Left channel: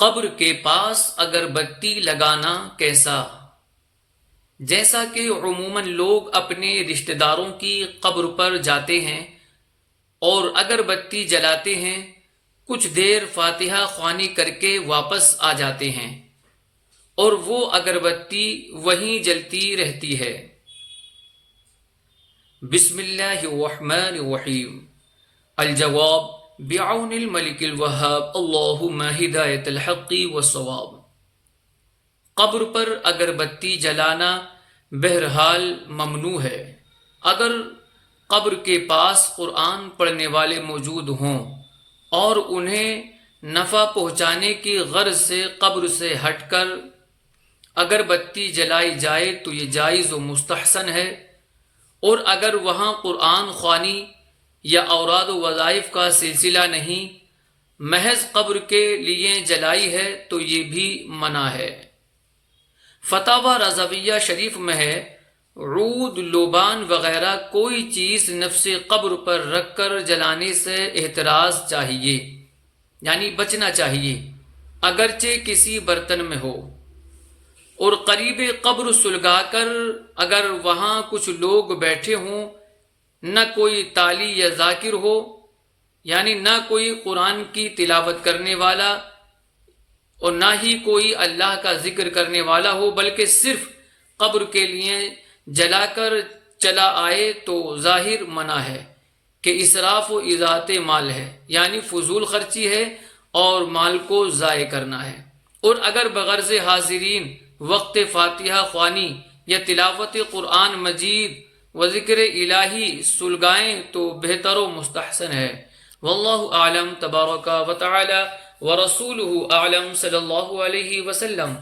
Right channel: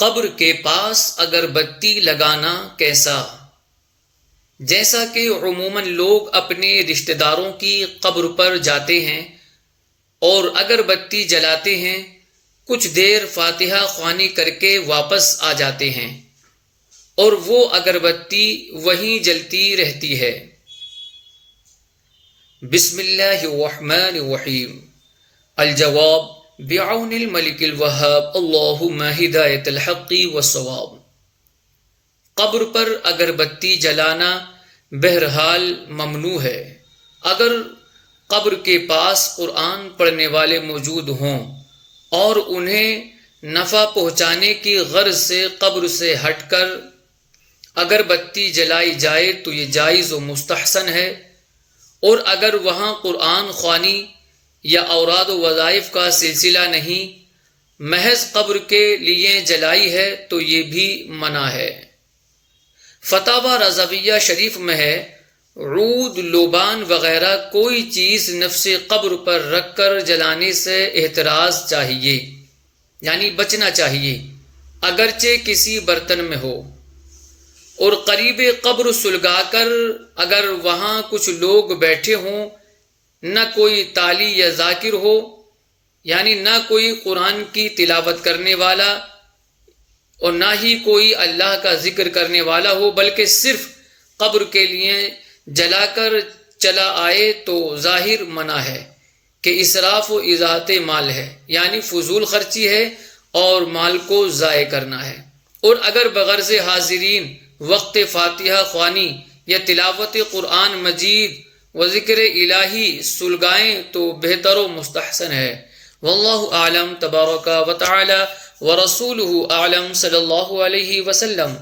قبر کے پاس اگر بتی لگانا کیسا؟ جیسا کہ عموماً لوگ اپنے رشتہ داروں کی قبر پر جاتے ہیں اور اگر بتی جلاتے ہیں، کچھ دیر فاتحہ خوانی کر کے واپس آ جاتے ہیں اور وہ اگربتی وہیں جلتی رہتی ہے۔ بسم اللہ الرحمن الرحیم۔ الجواب بعون الملک الوہاب، اللہم ہدایت الحق والصواب۔ قبر پر اگربتی جلانا بہرحال ممنوع ہے۔ اگر قبر کے پاس قرآن پڑھنے والے موجود ہوں اور انہیں نفع پہنچانے کی غرض سے قبر سے ہٹ کر اگربتی جلائی جائے تو یہ جائز و مستحسن ہے، اور اگر وہاں قرآن خوانی یا اوراد و وظائف کا سلسلہ نہیں، محض قبر کے لیے جلائی ہے تو یہ بھی منع ہے۔ فتاوی رضویہ شریف میں ہے، عود، لوبان وغیرہ کوئی چیز نفس قبر پر رکھ کر جلانے سے احتراز چاہیے، یعنی بچنا چاہیے، اگرچہ کسی برتن میں ہو، اور قریب قبر سلگا کر اگر وہاں کچھ لوگ بیٹھے ہوں، نہ کوئی تالی یا ذاکر ہو، یعنی نہ کوئی قرآن کی تلاوت کرنے والا اور نہ ہی کوئی اللہ کا ذکر کرنے والا ہو، بلکہ صرف قبر کے لیے جلا کر چلا آئے تو ظاہر منع ہے کہ اسراف و اضاعت مال ہے، یعنی فضول خرچی ہے اور مال کو ضائع کرنا ہے۔ اور اگر بغرض حاضرین وقت فاتحہ خوانی یا تلاوت قرآن مجید و ذکر الہی سلگائیں تو بہتر و مستحسن ہے۔ واللہ اعلم تبارک و تعالی ورسولہ اعلم صلی اللہ علیہ وسلم۔